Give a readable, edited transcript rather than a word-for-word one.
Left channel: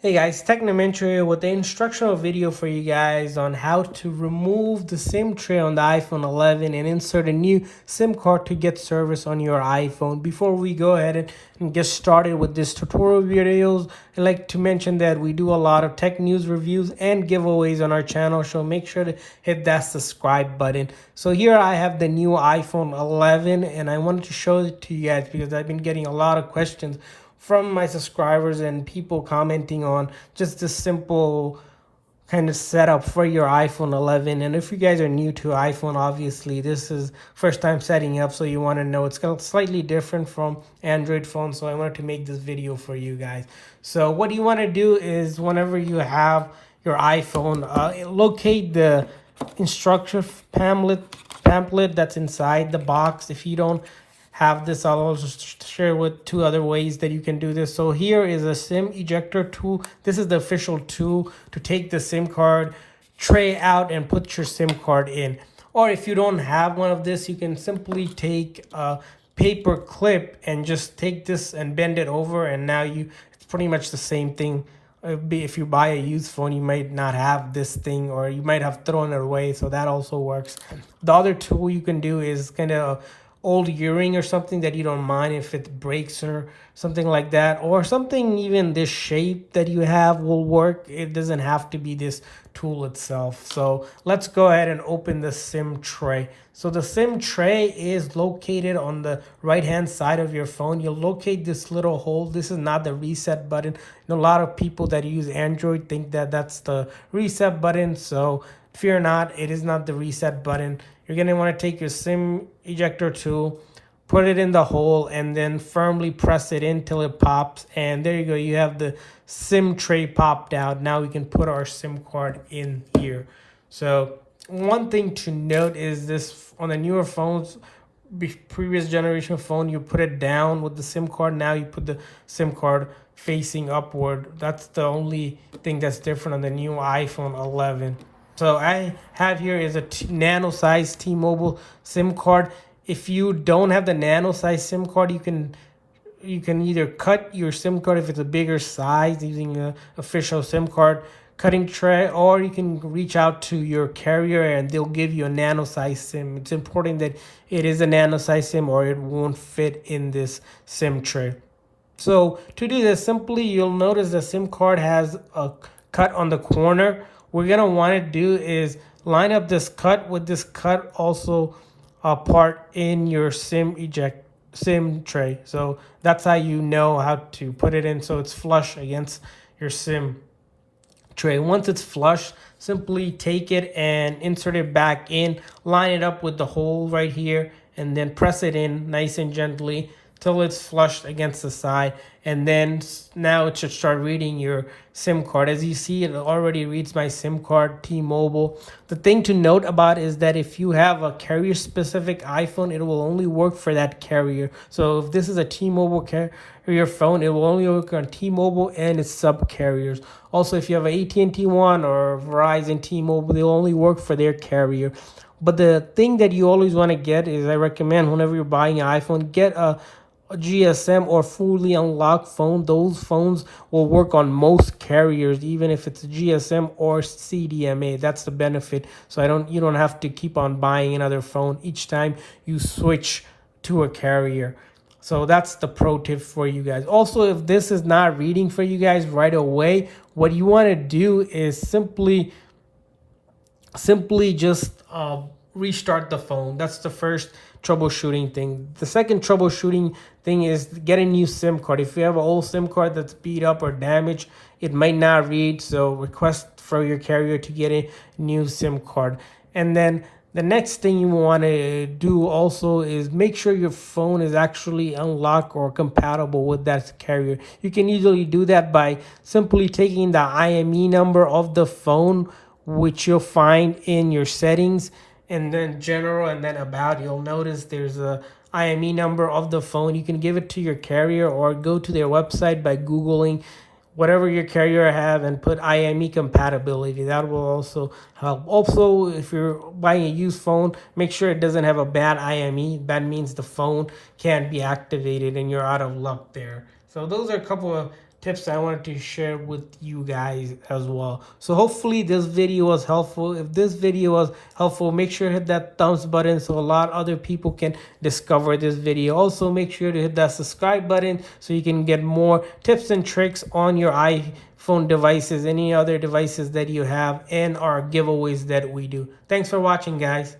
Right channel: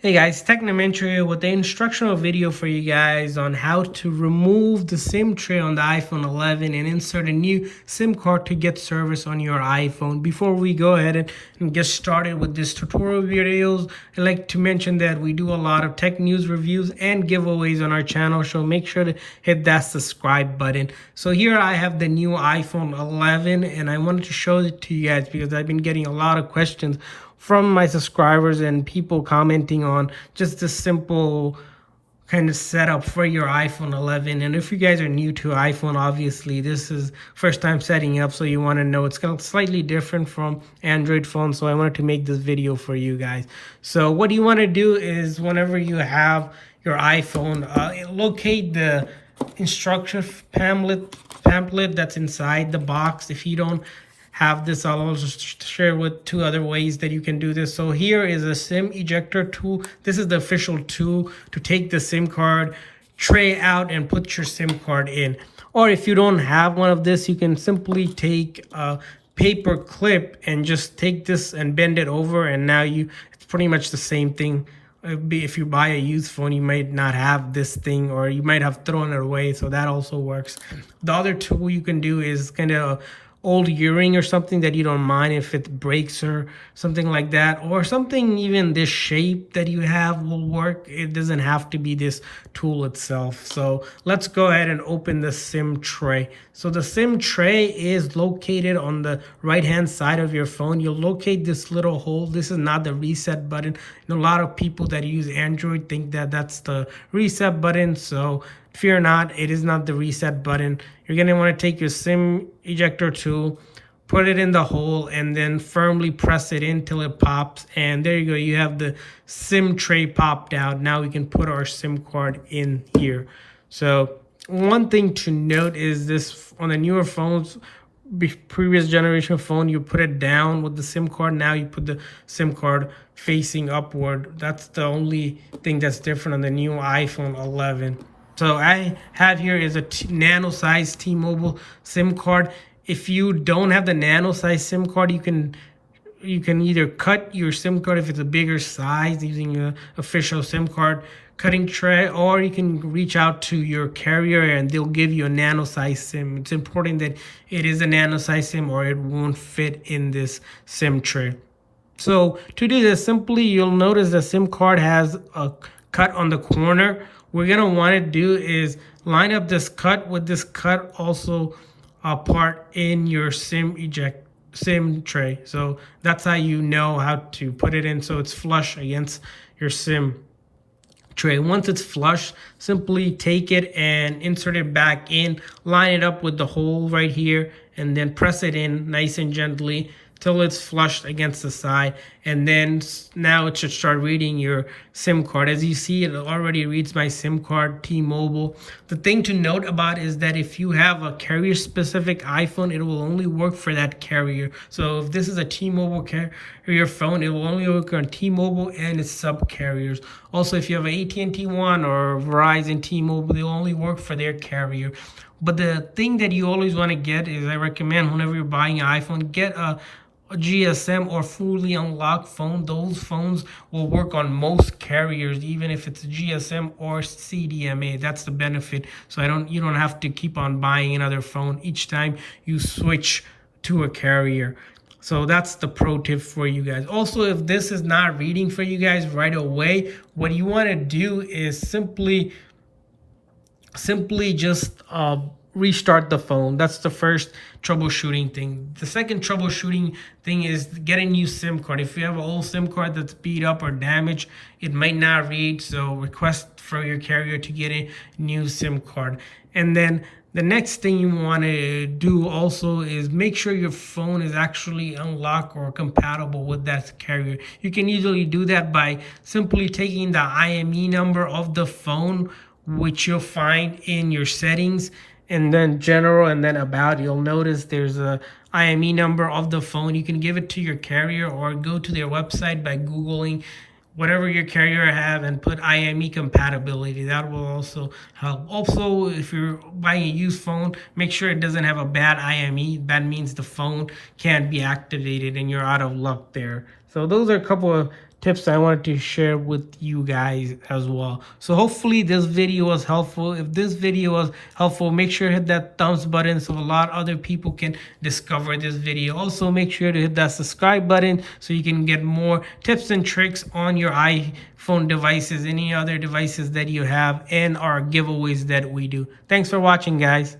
Hey guys, Technomentary with the instructional video for you guys on how to remove the SIM tray on the iPhone 11 and insert a new SIM card to get service on your iPhone. Before we go ahead and get started with this tutorial videos, I'd like to mention that we do a lot of tech news reviews and giveaways on our channel, so make sure to hit that subscribe button. So here I have the new iPhone 11 and I wanted to show it to you guys because I've been getting a lot of questions from my subscribers and people commenting on just this simple kind of setup for your iPhone 11. And if you guys are new to iPhone, obviously this is first time setting up, so you want to know it's kind of slightly different from Android phones. So I wanted to make this video for you guys. So what you want to do is whenever you have your iPhone, locate the instruction pamphlet that's inside the box. If you don't have this, I'll also share with two other ways that you can do this. So here is a SIM ejector tool. This is the official tool to take the SIM card tray out and put your SIM card in. Or if you don't have one of this, you can simply take a paper clip and just take this and bend it over, and now it's pretty much the same thing. If you buy a used phone, you might not have this thing, or you might have thrown it away, so that also works. The other tool you can do is kind of old earring or something that you don't mind if it breaks or something like that, or something even this shape that you have will work. It doesn't have to be this tool itself. So let's go ahead and open the SIM tray. So the SIM tray is located on the right hand side of your phone. You'll locate this little hole. This is not the reset button. And a lot of people that use Android think that that's the reset button, so fear not, it is not the reset button. You're going to want to take your SIM ejector tool, put it in the hole, and then firmly press it in till it pops. And there you go. You have the SIM tray popped out. Now we can put our SIM card in here. So one thing to note is this: on the newer phones, previous generation phone, you put it down with the SIM card. Now you put the SIM card facing upward. That's the only thing that's different on the new iPhone 11. So I have here is a nano size T-Mobile SIM card. If you don't have the nano size SIM card, you can either cut your SIM card if it's a bigger size using a official SIM card cutting tray, or you can reach out to your carrier and they'll give you a nano size SIM. It's important that it is a nano size SIM or it won't fit in this SIM tray. So to do this, simply you'll notice the SIM card has a cut on the corner. What we're gonna want to do is line up this cut with this cut also part in your SIM tray. So that's how you know how to put it in so it's flush against your SIM tray. Once it's flush, simply take it and insert it back in, line it up with the hole right here, and then press it in nice and gently till it's flushed against the side. And then now it should start reading your SIM card. As you see, it already reads my SIM card, T-Mobile. The thing to note about is that if you have a carrier specific iPhone, it will only work for that carrier. So if this is a T-Mobile carrier phone, it will only work on T-Mobile and its sub carriers. Also, if you have an AT&T One or Verizon, T-Mobile, they'll only work for their carrier. But the thing that you always want to get is, I recommend whenever you're buying an iPhone, get a GSM or fully unlocked phone. Those phones will work on most carriers, even if it's a GSM or CDMA. That's the benefit. So you don't have to keep on buying another phone each time you switch to a carrier. So that's the pro tip for you guys. Also, if this is not reading for you guys right away, what you want to do is simply just restart the phone. That's the first troubleshooting thing. The second troubleshooting thing is get a new SIM card. If you have an old SIM card that's beat up or damaged, it might not read, so request for your carrier to get a new SIM card. And then the next thing you want to do also is make sure your phone is actually unlocked or compatible with that carrier. You can easily do that by simply taking the IME number of the phone, which you'll find in your settings, and then general, and then about. You'll notice there's a IME number of the phone. You can give it to your carrier or go to their website by Googling whatever your carrier have and put IME compatibility. That will also help. Also, if you're buying a used phone, make sure it doesn't have a bad IME. That means the phone can't be activated and you're out of luck there. So those are a couple of tips I wanted to share with you guys as well. So hopefully this video was helpful. If this video was helpful, make sure to hit that thumbs button so a lot other people can discover this video. Also make sure to hit that subscribe button so you can get more tips and tricks on your iPhone devices, any other devices that you have, and our giveaways that we do. Thanks for watching, guys.